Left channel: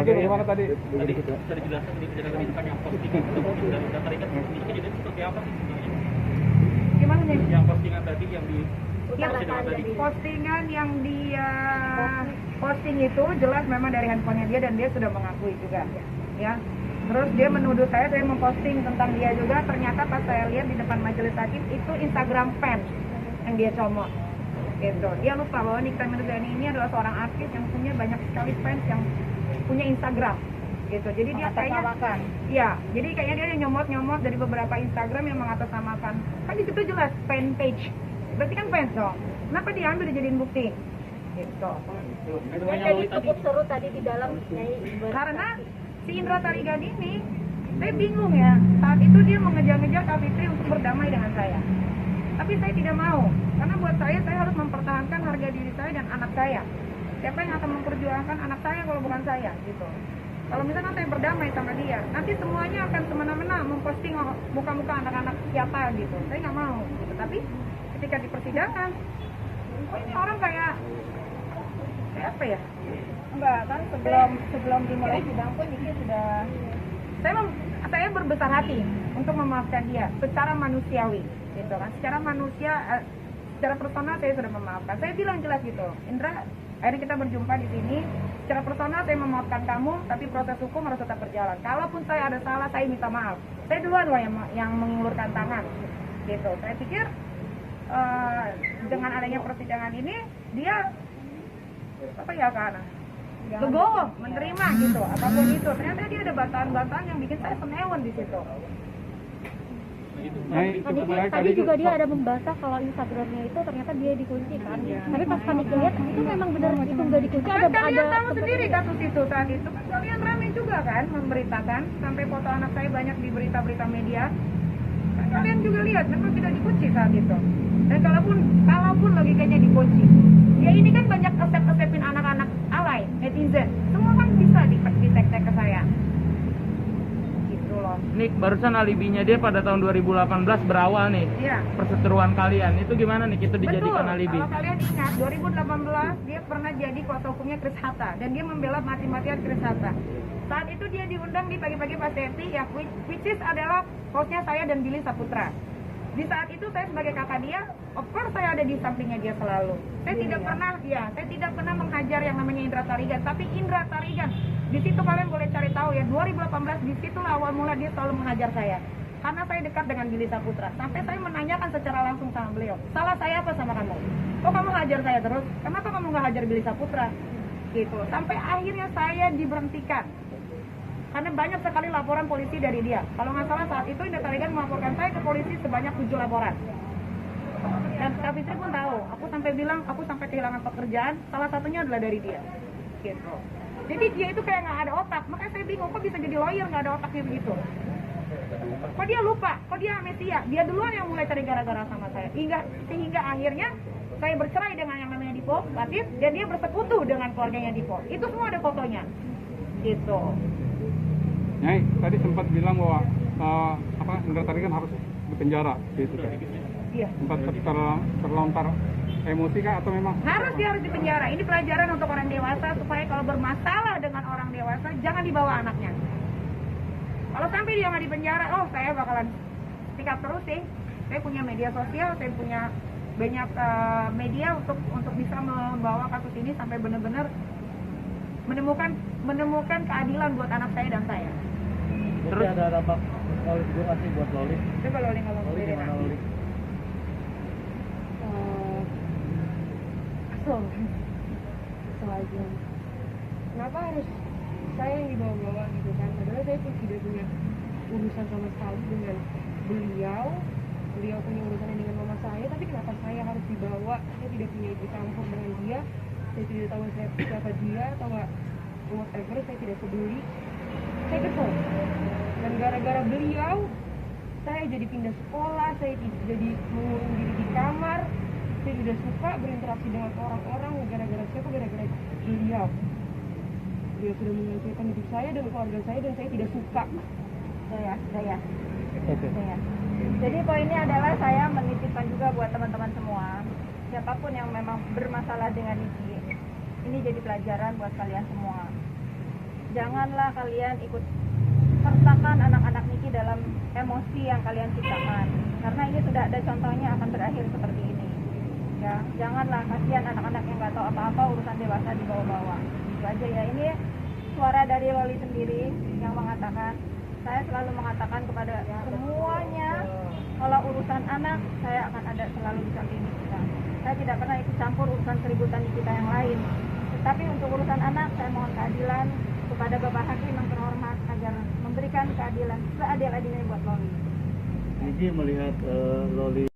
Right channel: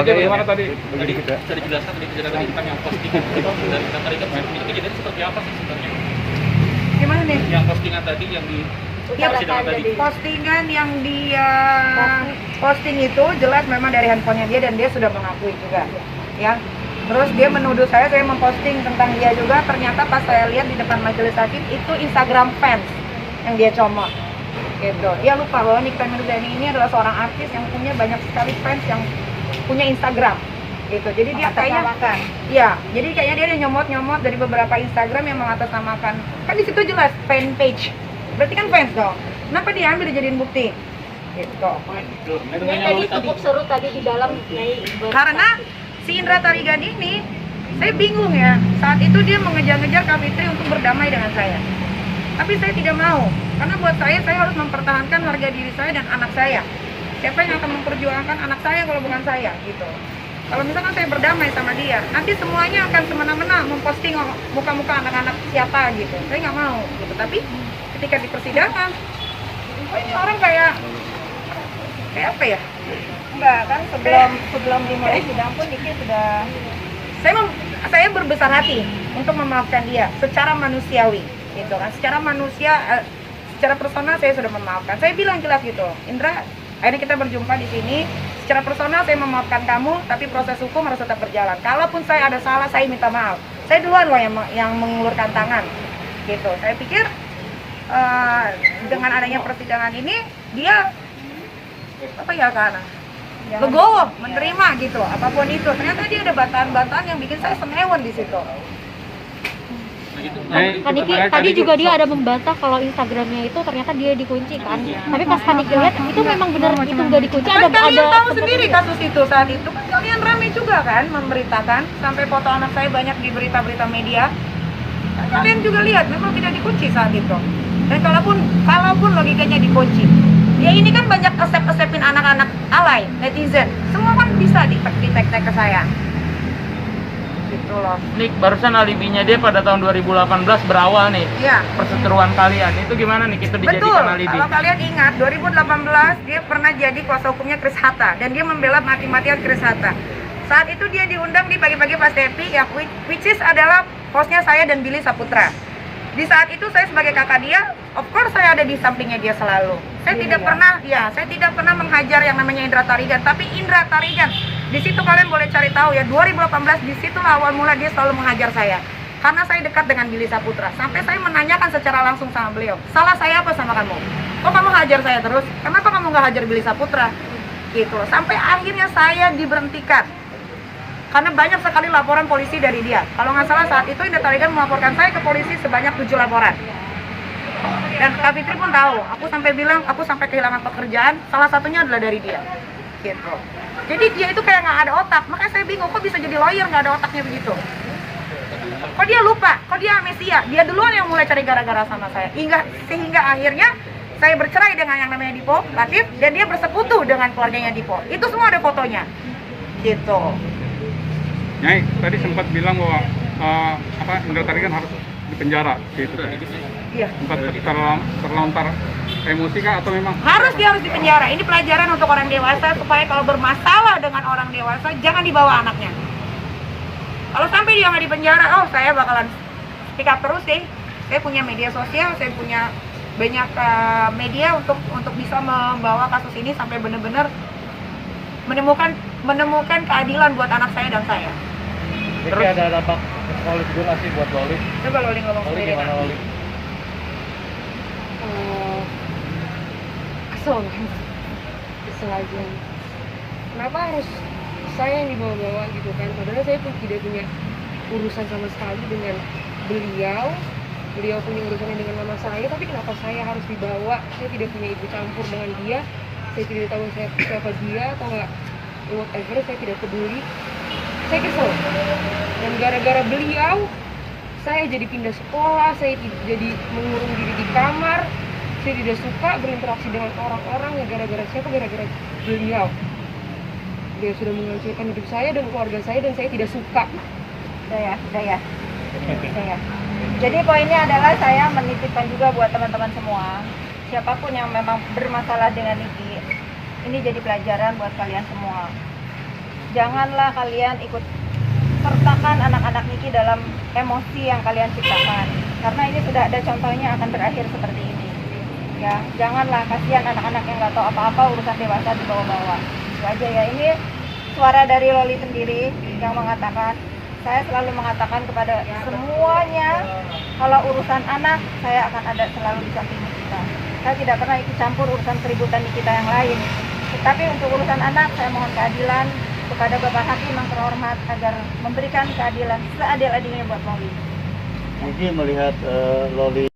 Lanjutnya bagaimana tadi? Tadi bisa dijelaskan tadi kejadian tentang yang postingan itu dari tarikan kejadian seperti apa sih sebenarnya? Gimana nih? Yang postingan tadi yang di persidangan tadi. Postingan yang dia posting itu jelas memang dari handphonenya dia dan dia sudah mengakui juga, ya. Terus dia menuduh saya memposting tentang dia juga. Ternyata pas saya lihat di depan majelis hakim itu Instagram fans yang dia comot, gitu. Dia lupa bahwa Nikita Mirzani ini adalah seorang artis yang punya banyak sekali fans yang punya Instagram, gitu. Jadi dia kayaknya, ya, jadi kayaknya dia nyomot dari beberapa Instagram yang mengatasnamakan. Kan di situ jelas fan page. Berarti kan fans dong. Kenapa diambil dijadiin bukti? Gitu. Tadi cukup seru tadi di dalam Karena si Indra Tarigan ini, saya bingung ya. Saat itu dia mengejar-ngejar Kak Fitri untuk berdamai dengan saya. Tapi saya tidak mau. Karena buat saya harus mempertahankan harga diri saya dan anak saya. Siapa yang akan memperjuangkan anak saya kalau bukan saya, gitu. Kalau misalkan saya berdamai sama dia, nanti semuanya akan semena-mena memposting muka-muka anak-anak siapa gitu. Saya nggak mau, gitu. Tapi ketika di persidangan, orang kayak apa ya? Enggak kan, sebelum dimulai sidang pun Niki sudah saya berbesar hati untuk memaafkan dia secara manusiawi, gitu kan. Secara manusia, secara personal saya sudah memaafkan. Saya bilang jelas gitu, Indra, akhirnya kita berjumpa di sini. Secara personal saya memaafkan kamu, tapi proses hukum harus tetap berjalan. Kalaupun saya ada salah, saya minta maaf. Saya duluan loh yang mengulurkan tangan, gitu. Saya pikir dengan adanya persidangan ini dia apa ya karena legowo menerima gitu apapun itu. Ternyata dia ada bantahan-bantahan yang bikin saya senewan di situ. Tadi juga dia ada membantah kalau Instagramnya itu ternyata dia dikunci kan. Tapi pas Kaniki lihat itu memang benar itu nggak dikunci. Kan kalian tahu sendiri kasus itu saat itu kan kalian ramai juga kan memberitakan sampai foto anak saya banyak di berita-berita media. Kalian juga lihat memang tidak dikunci saat itu. Dan kalaupun logikanya dikunci, ya ini kan banyak asep-asepin anak-anak alay, netizen. Semua kan bisa di-tag ke saya. Gitu loh. Nik, barusan alibinya dia pada tahun 2018 berawal nih. Iya. Perseteruan kalian. Itu gimana nih kita dijadikan alibi? Kalau kalian ingat 2018 dia pernah jadi kuasa hukumnya Chris Hatta dan dia membela mati-matian Chris Hatta. Saat itu dia diundang di pagi-pagi Pas Tepi ya, which is adalah hostnya saya dan Billy Saputra. Di saat itu saya sebagai kakak dia, of course saya ada di sampingnya dia selalu. Saya tidak pernah menghajar yang namanya Indra Tarigan, tapi Indra Tarigan. Di situ kalian boleh cari tahu ya, 2018 di situ awal mula dia selalu menghajar saya. Karena saya dekat dengan Billy Saputra. Sampai saya menanyakan secara langsung sama beliau, salah saya apa sama kamu? Kok kamu hajar saya terus? Kenapa kamu nggak hajar Billy Saputra? Gitu. Sampai akhirnya saya diberhentikan. Karena banyak sekali laporan polisi dari dia. Kalau nggak salah saat itu Indra Tarigan melaporkan saya ke polisi sebanyak 7 laporan. Dan Kak Fitri pun tahu, aku sampai bilang, aku sampai kehilangan pekerjaan, salah satunya adalah dari dia. Gitu. Jadi dia itu kayak nggak ada otak, makanya saya bingung, kok bisa jadi lawyer nggak ada otaknya begitu. Kok dia lupa, kok dia amnesia, dia duluan yang mulai cari gara-gara sama saya. Sehingga akhirnya saya bercerai dengan yang namanya Dipo Latif, dan dia bersekutu dengan keluarganya Dipo. Itu semua ada fotonya. Gitu. Nyai, tadi sempat bilang bahwa Indra Tarigan harus dipenjara, gitu. Iya. Sempat terlontar emosi kah atau memang? Dia harus dipenjara. Ini pelajaran untuk orang dewasa supaya kalau bermasalah dengan orang dewasa jangan dibawa anaknya. Kalau sampai dia nggak dipenjara, saya bakalan speak up terus sih. Saya punya media sosial, saya punya banyak media untuk bisa membawa kasus ini sampai benar-benar menemukan keadilan buat anak saya dan saya. Terus ada apa? Loli donasi buat Loli. Coba Loli ngomong sendiri. Loli? Kesel aja. Kenapa harus saya yang dibawa-bawa gitu kan? Padahal saya pun tidak punya urusan sama sekali dengan beliau. Beliau punya urusannya dengan mama saya, tapi kenapa saya harus dibawa? Saya tidak punya ibu campur dengan dia. Saya tidak tahu siapa dia atau nggak, whatever, saya tidak peduli. Saya kesel. Dan gara-gara beliau, saya jadi pindah sekolah, saya jadi mengurung diri di kamar. Saya tidak suka berinteraksi dengan orang-orang ya gara-gara siapa? Gara-gara beliau. Dia sudah menghancurkan hidup saya dan keluarga saya dan saya tidak suka. Udah ya. Jadi poinnya adalah saya menitipkan juga buat teman-teman semua, siapapun yang memang bermasalah dengan Niki, ini jadi pelajaran buat kalian semua. janganlah kalian ikut sertakan anak-anak Niki dalam emosi yang kalian ciptakan, karena ini sudah ada contohnya akan berakhir seperti ini. Ya, janganlah, kasihan anak-anak yang nggak tahu apa-apa, urusan dewasa dibawa-bawa. Itu aja ya. Ini suara dari Loli sendiri yang mengatakan, saya selalu mengatakan kepada semuanya, kalau urusan anak saya akan ada selalu di samping kita. Saya tidak pernah ikut campur urusan keributan di kita yang lain. Tetapi untuk urusan anak saya mohon keadilan kepada Bapak Hakim yang terhormat agar memberikan keadilan seadil-adilnya buat Loli. Niki melihat Loli